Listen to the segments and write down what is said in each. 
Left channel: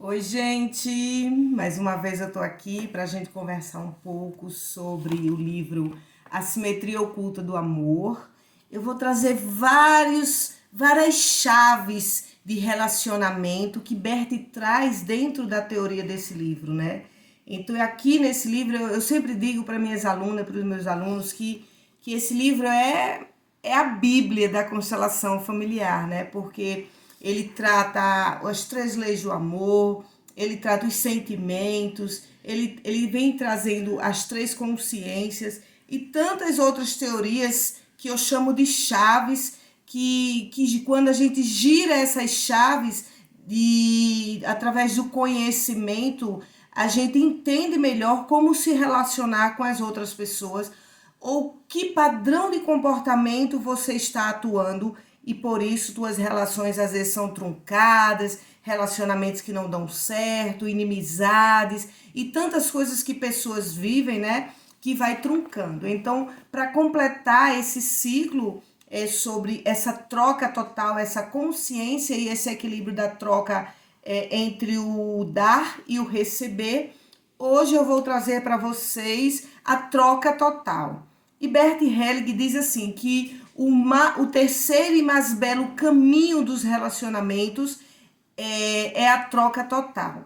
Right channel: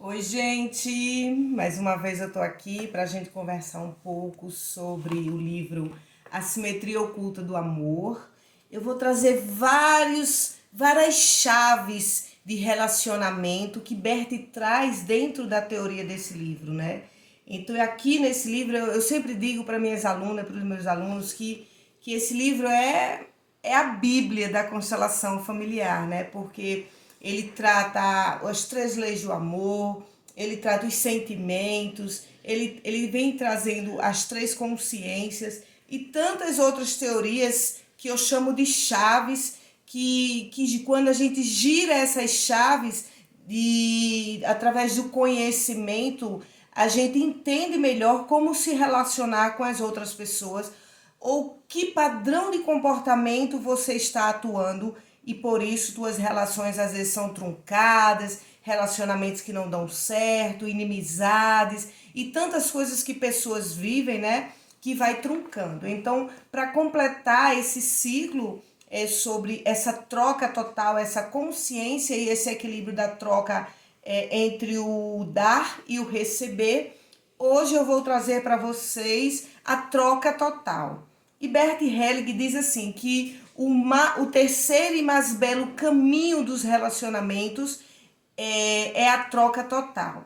Oi, gente! Mais uma vez eu tô aqui para a gente conversar um pouco sobre o livro A Simetria Oculta do Amor. Eu vou trazer várias chaves de relacionamento que Berti traz dentro da teoria desse livro, né? Então, aqui nesse livro, eu sempre digo para minhas alunas, para os meus alunos, que esse livro é a Bíblia da constelação familiar, né? Porque ele trata as três leis do amor, ele trata os sentimentos, ele vem trazendo as três consciências e tantas outras teorias que eu chamo de chaves, que quando a gente gira essas chaves através do conhecimento, a gente entende melhor como se relacionar com as outras pessoas ou que padrão de comportamento você está atuando e por isso tuas relações às vezes são truncadas, relacionamentos que não dão certo, inimizades e tantas coisas que pessoas vivem, né, que vai truncando. Então, para completar esse ciclo sobre essa troca total, essa consciência e esse equilíbrio da troca entre o dar e o receber, hoje eu vou trazer para vocês a troca total. E Bert Helling diz assim que o terceiro e mais belo caminho dos relacionamentos é a troca total.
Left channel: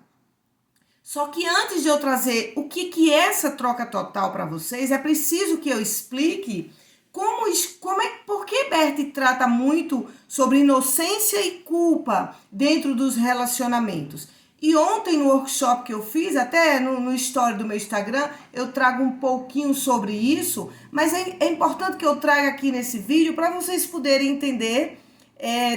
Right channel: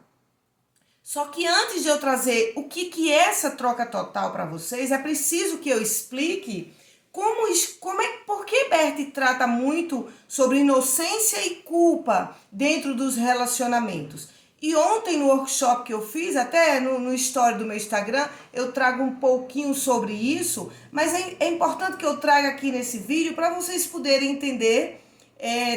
Só que antes de eu trazer o que é essa troca total para vocês, é preciso que eu explique por que Bert trata muito sobre inocência e culpa dentro dos relacionamentos. E ontem no workshop que eu fiz, até no story do meu Instagram, eu trago um pouquinho sobre isso, mas é importante que eu traga aqui nesse vídeo para vocês poderem entender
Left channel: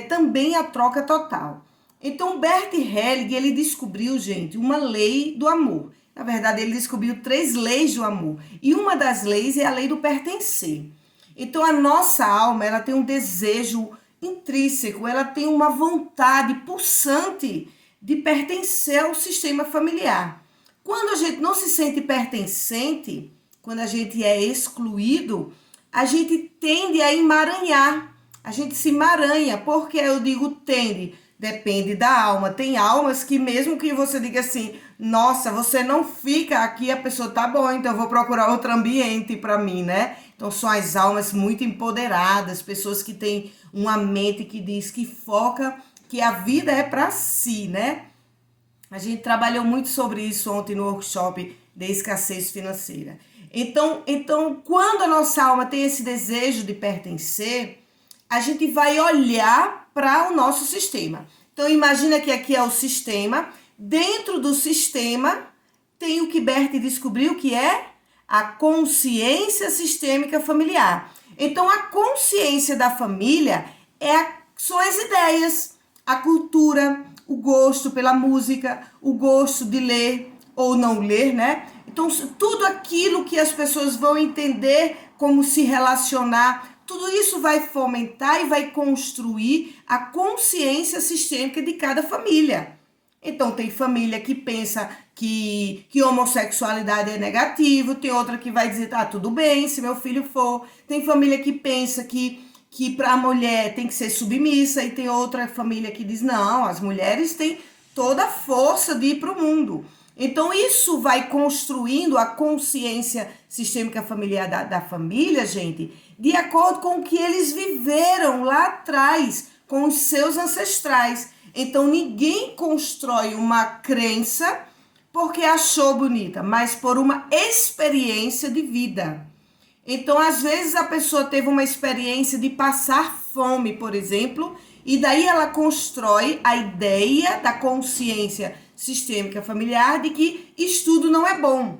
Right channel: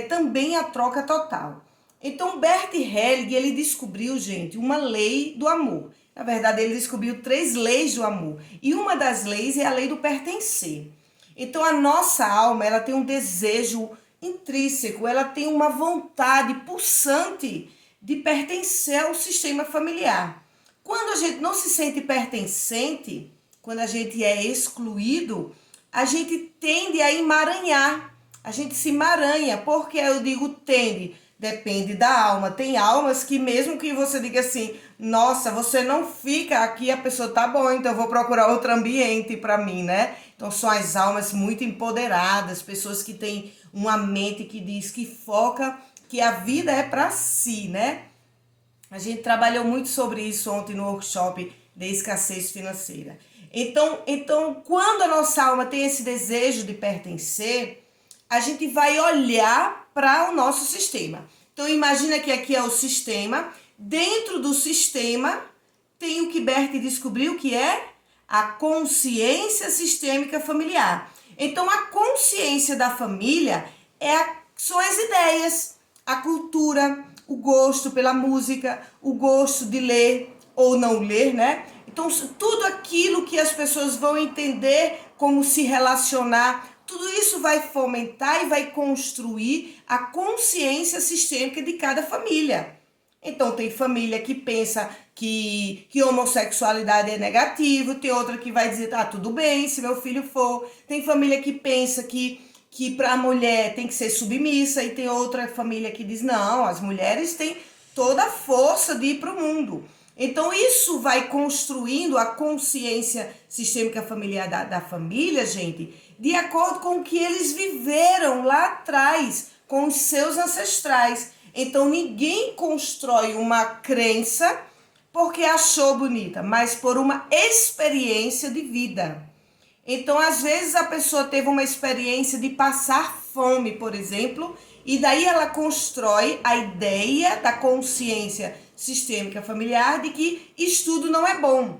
também a troca total. Então, Bert Helling, ele descobriu, gente, uma lei do amor. Na verdade, ele descobriu 3 leis do amor. E uma das leis é a lei do pertencer. Então, a nossa alma, ela tem um desejo intrínseco, ela tem uma vontade pulsante de pertencer ao sistema familiar. Quando a gente não se sente pertencente, quando a gente é excluído, a gente tende a emaranhar. A gente se emaranha. Por que eu digo tende? Depende da alma. Tem almas que mesmo que você diga assim, nossa, você não fica aqui, a pessoa tá bom, então eu vou procurar outro ambiente para mim, né? Então são as almas muito empoderadas, pessoas que têm uma mente que diz que foca que a vida é para si, né? A gente trabalhou muito sobre isso ontem no workshop de escassez financeira. Então, quando a nossa alma tem esse desejo de pertencer, a gente vai olhar para o nosso sistema. Então, imagina que aqui é o sistema. Dentro do sistema tem o que Bert descobriu que é a consciência sistêmica familiar. Então, a consciência da família são as ideias, a cultura, o gosto pela música, o gosto de ler ou não ler, né? Então, tudo aquilo que as pessoas vão entender como se relacionar, tudo isso vai fomentar e vai construir a consciência sistêmica de cada família. Então, tem família que pensa que homossexualidade é negativo, tem outra que vai dizer, tá, tudo bem se meu filho for. Tem família que pensa que para a mulher tem que ser submissa, e tem outra família que diz, não, as mulheres têm toda a força de ir para o mundo. Então, isso vai construindo a consciência sistêmica familiar da família, gente, de acordo com o que eles viveram lá atrás, com os seus ancestrais. Então, ninguém constrói uma crença porque achou bonita, mas por uma experiência de vida. Então, às vezes, a pessoa teve uma experiência de passar fome, por exemplo, e daí ela constrói a ideia da consciência sistêmica familiar de que estudo não é bom,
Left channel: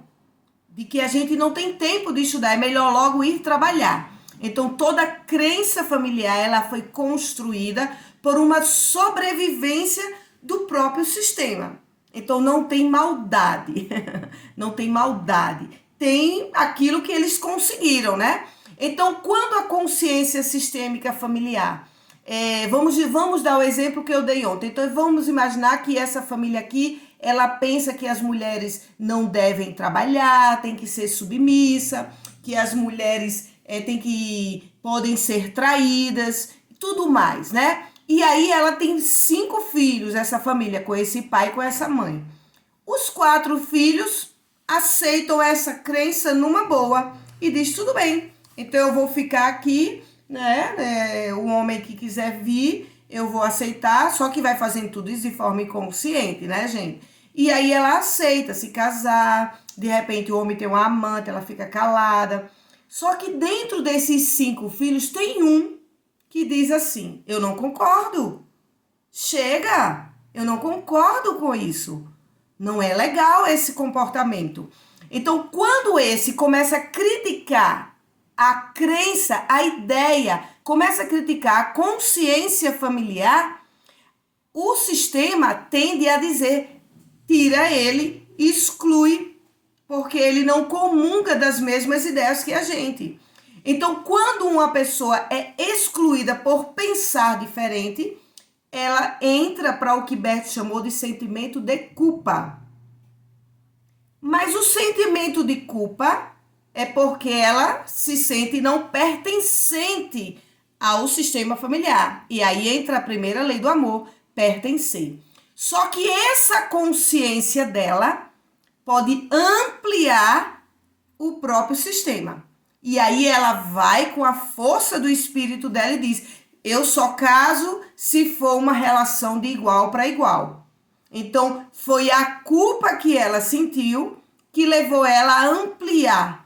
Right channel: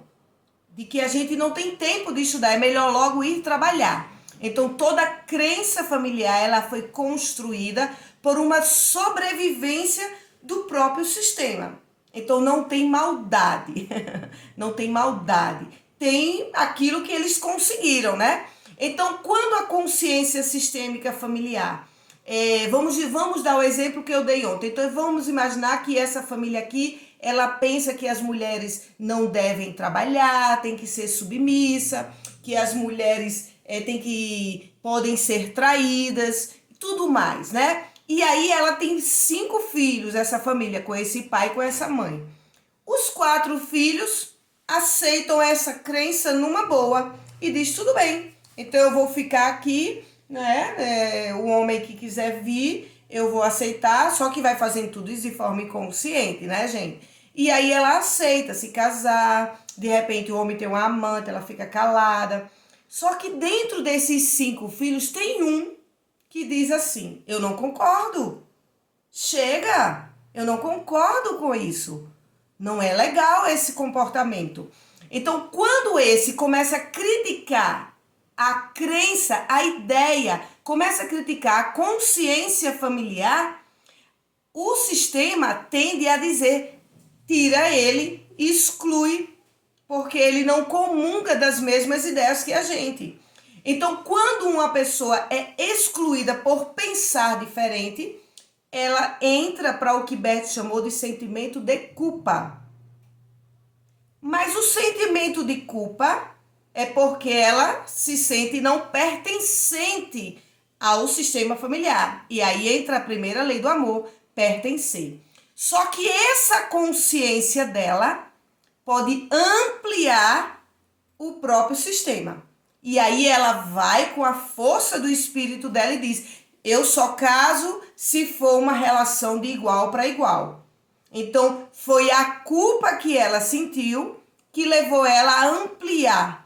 de que a gente não tem tempo de estudar, é melhor logo ir trabalhar. Então, toda a crença familiar, ela foi construída por uma sobrevivência do próprio sistema. Então, não tem maldade, não tem maldade. Tem aquilo que eles conseguiram, né? Então, quando a consciência sistêmica familiar, vamos dar o exemplo que eu dei ontem. Então, vamos imaginar que essa família aqui, ela pensa que as mulheres não devem trabalhar, tem que ser submissa, que as mulheres podem ser traídas, tudo mais, né? E aí ela tem 5 filhos, essa família, com esse pai e com essa mãe. Os 4 filhos aceitam essa crença numa boa e diz, tudo bem, então eu vou ficar aqui, né? O homem que quiser vir, eu vou aceitar, só que vai fazendo tudo isso de forma inconsciente, né, gente? E aí ela aceita se casar, de repente o homem tem uma amante, ela fica calada. Só que dentro desses 5 filhos tem um que diz assim, eu não concordo. Chega, eu não concordo com isso. Não é legal esse comportamento. Então, quando esse começa a criticar a crença, a ideia, começa a criticar a consciência familiar, o sistema tende a dizer, tira ele, exclui, porque ele não comunga das mesmas ideias que a gente. Então, quando uma pessoa é excluída por pensar diferente, ela entra para o que Bert chamou de sentimento de culpa. Mas o sentimento de culpa é porque ela se sente não pertencente ao sistema familiar. E aí entra a primeira lei do amor, pertencer. Só que essa consciência dela pode ampliar o próprio sistema. E aí ela vai com a força do espírito dela e diz, eu só caso se for uma relação de igual para igual. Então, foi a culpa que ela sentiu que levou ela a ampliar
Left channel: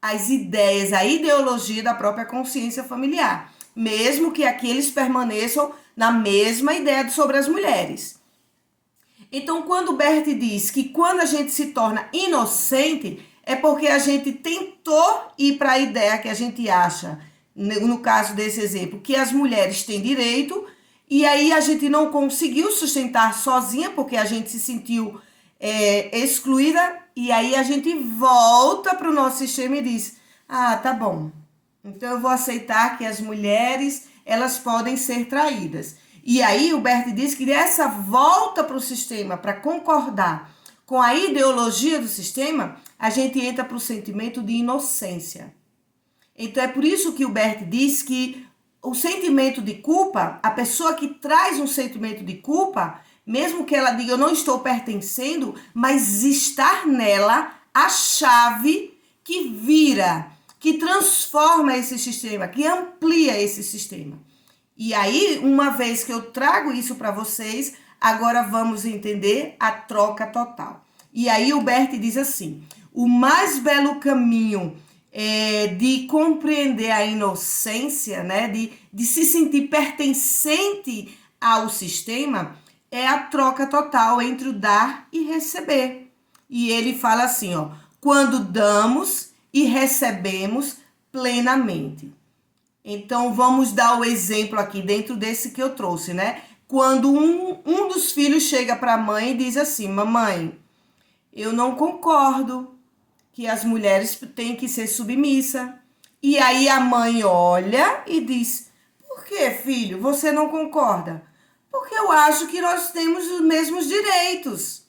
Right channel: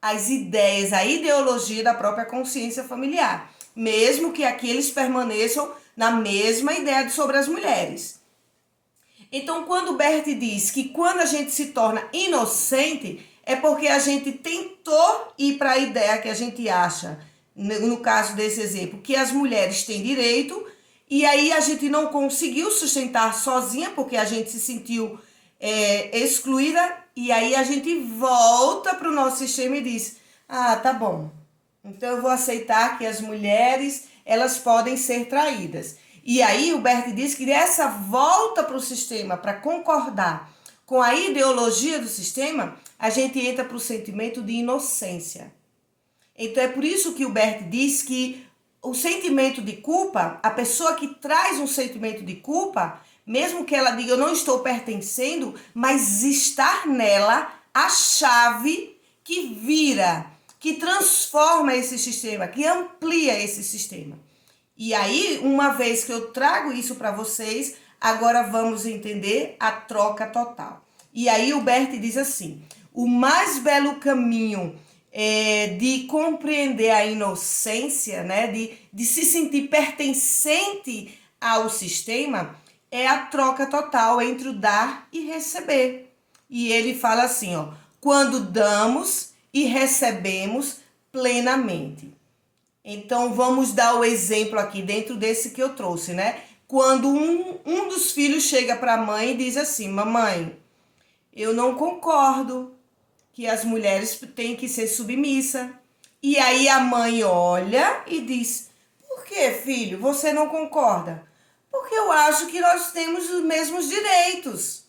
as ideias, a ideologia da própria consciência familiar. Mesmo que aqui eles permaneçam na mesma ideia sobre as mulheres. Então, quando Bert diz que quando a gente se torna inocente, é porque a gente tentou ir para a ideia que a gente acha, no caso desse exemplo, que as mulheres têm direito, e aí a gente não conseguiu sustentar sozinha, porque a gente se sentiu excluída, e aí a gente volta para o nosso sistema e diz, ah, tá bom, então eu vou aceitar que as mulheres, elas podem ser traídas. E aí o Bert diz que essa volta para o sistema, para concordar com a ideologia do sistema, a gente entra para o sentimento de inocência. Então é por isso que o Bert diz que o sentimento de culpa, a pessoa que traz um sentimento de culpa, mesmo que ela diga eu não estou pertencendo, mas estar nela a chave que vira, que transforma esse sistema, que amplia esse sistema. E aí, uma vez que eu trago isso para vocês, agora vamos entender a troca total. E aí o Bert diz assim, o mais belo caminho de compreender a inocência, né, de se sentir pertencente ao sistema, é a troca total entre o dar e receber. E ele fala assim, ó, quando damos e recebemos plenamente. Então, vamos dar o exemplo aqui dentro desse que eu trouxe, né? Quando um dos filhos chega para a mãe e diz assim, mamãe, eu não concordo que as mulheres têm que ser submissas. E aí a mãe olha e diz, por que, filho, você não concorda? Porque eu acho que nós temos os mesmos direitos.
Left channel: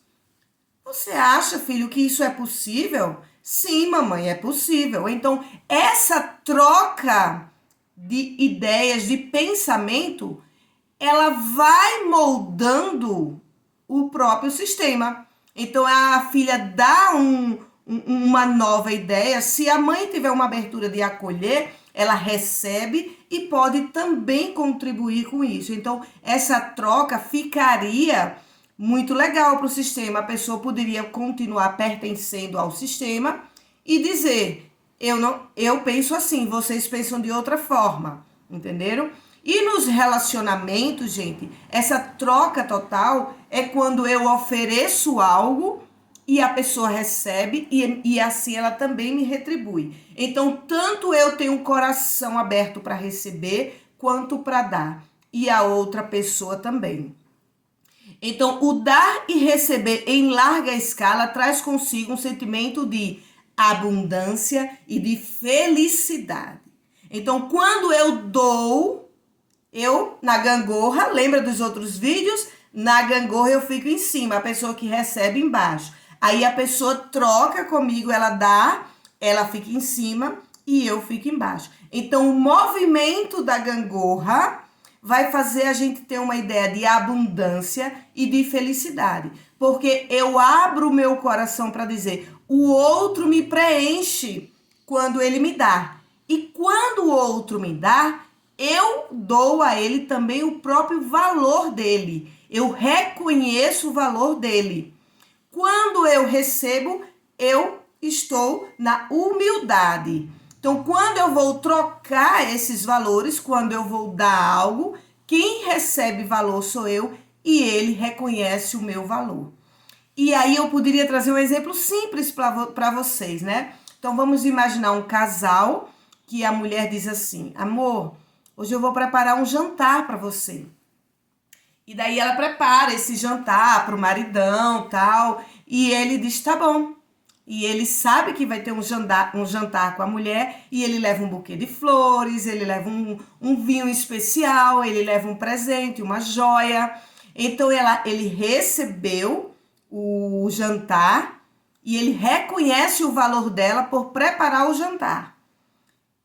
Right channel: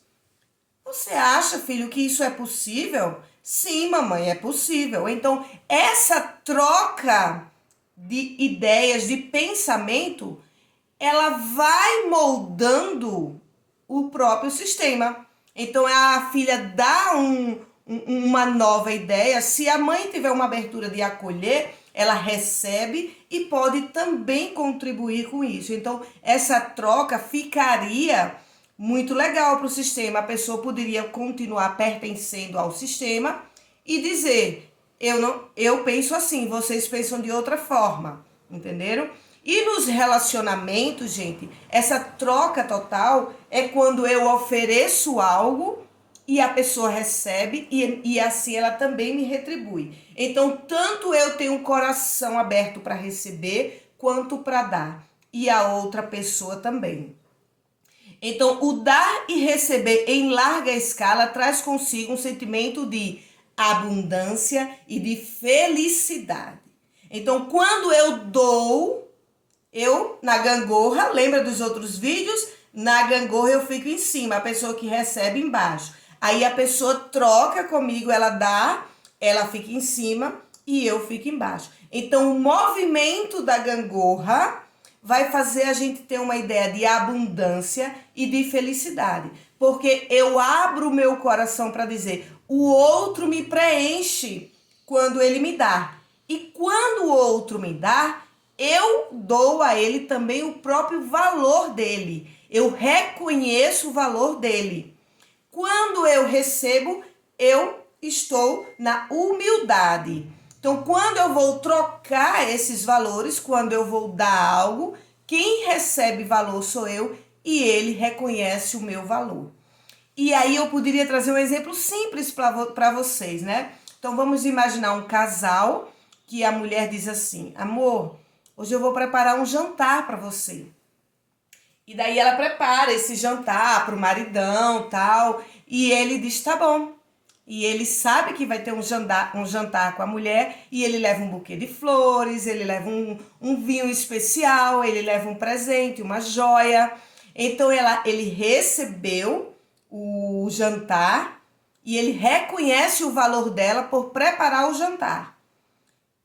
Você acha, filho, que isso é possível? Sim, mamãe, é possível. Então, essa troca de ideias, de pensamento, ela vai moldando o próprio sistema. Então, a filha dá uma nova ideia. Se a mãe tiver uma abertura de acolher, ela recebe e pode também contribuir com isso. Então, essa troca ficaria muito legal para o sistema. A pessoa poderia continuar pertencendo ao sistema e dizer, eu penso assim, vocês pensam de outra forma, entenderam? E nos relacionamentos, gente, essa troca total é quando eu ofereço algo e a pessoa recebe e assim ela também me retribui. Então, tanto eu tenho um coração aberto para receber, quanto para dar. E a outra pessoa também. Então, o dar e receber em larga escala traz consigo um sentimento de abundância e de felicidade. Então, quando eu dou, eu na gangorra, lembra dos outros vídeos? Na gangorra eu fico em cima, a pessoa que recebe embaixo. Aí a pessoa troca comigo, ela dá, ela fica em cima e eu fico embaixo. Então, o movimento da gangorra vai fazer a gente ter uma ideia de abundância e de felicidade. Porque eu abro o meu coração para dizer, o outro me preenche quando ele me dá. E quando o outro me dá, eu dou a ele também o próprio valor dele. Eu reconheço o valor dele. Quando eu recebo, eu estou na humildade. Então, quando eu vou trocar esses valores, quando eu vou dar algo, quem recebe valor sou eu e ele reconhece o meu valor. E aí eu poderia trazer um exemplo simples para vocês, né? Então, vamos imaginar um casal que a mulher diz assim, amor, hoje eu vou preparar um jantar para você. E daí ela prepara esse jantar pro maridão, tal, e ele diz, tá bom. E ele sabe que vai ter um jantar com a mulher, e ele leva um buquê de flores, ele leva um vinho especial, ele leva um presente, uma joia. Então ele recebeu o jantar e ele reconhece o valor dela por preparar o jantar.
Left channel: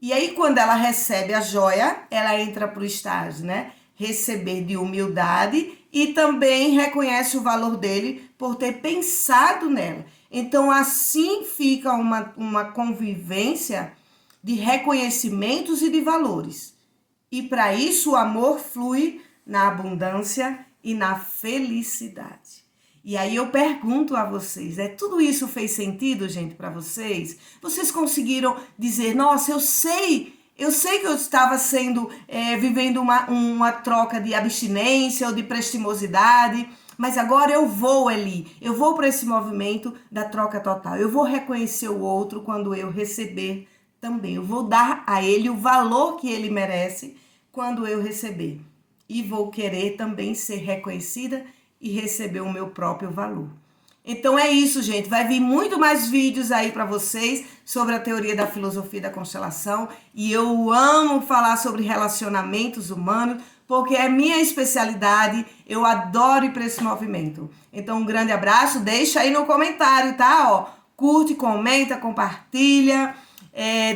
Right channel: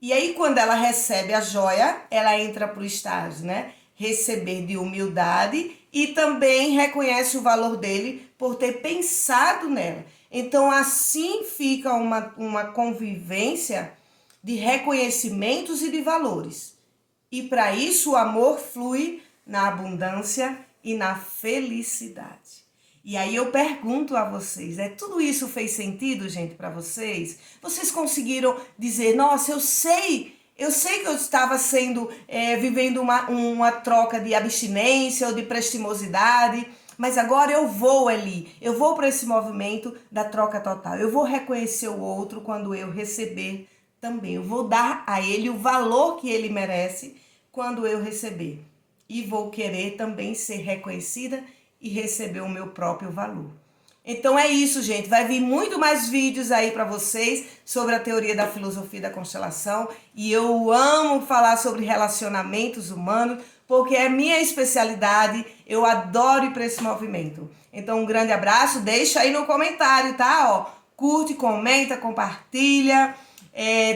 E aí, quando ela recebe a joia, ela entra para o estágio, né? Receber de humildade e também reconhece o valor dele por ter pensado nela. Então, assim fica uma convivência de reconhecimentos e de valores. E para isso, o amor flui na abundância e na felicidade. E aí eu pergunto a vocês, tudo isso fez sentido, gente, para vocês? Vocês conseguiram dizer, nossa, eu sei que eu estava vivendo uma troca de abstinência ou de prestimosidade, mas agora eu vou ali, eu vou para esse movimento da troca total. Eu vou reconhecer o outro quando eu receber também. Eu vou dar a ele o valor que ele merece quando eu receber. E vou querer também ser reconhecida e receber o meu próprio valor. Então é isso, gente. Vai vir muito mais vídeos aí para vocês sobre a teoria da filosofia da constelação. E eu amo falar sobre relacionamentos humanos, porque é minha especialidade. Eu adoro ir para esse movimento. Então um grande abraço. Deixa aí no comentário, tá? Ó, curte, comenta, compartilha.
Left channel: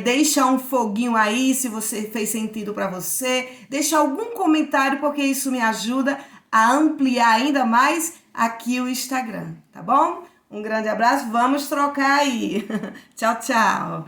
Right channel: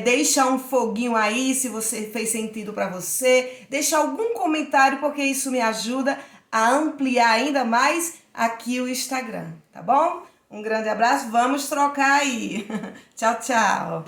Deixa um foguinho aí se você fez sentido para você. Deixa algum comentário, porque isso me ajuda a ampliar ainda mais aqui o Instagram, tá bom? Um grande abraço, vamos trocar aí. Tchau, tchau.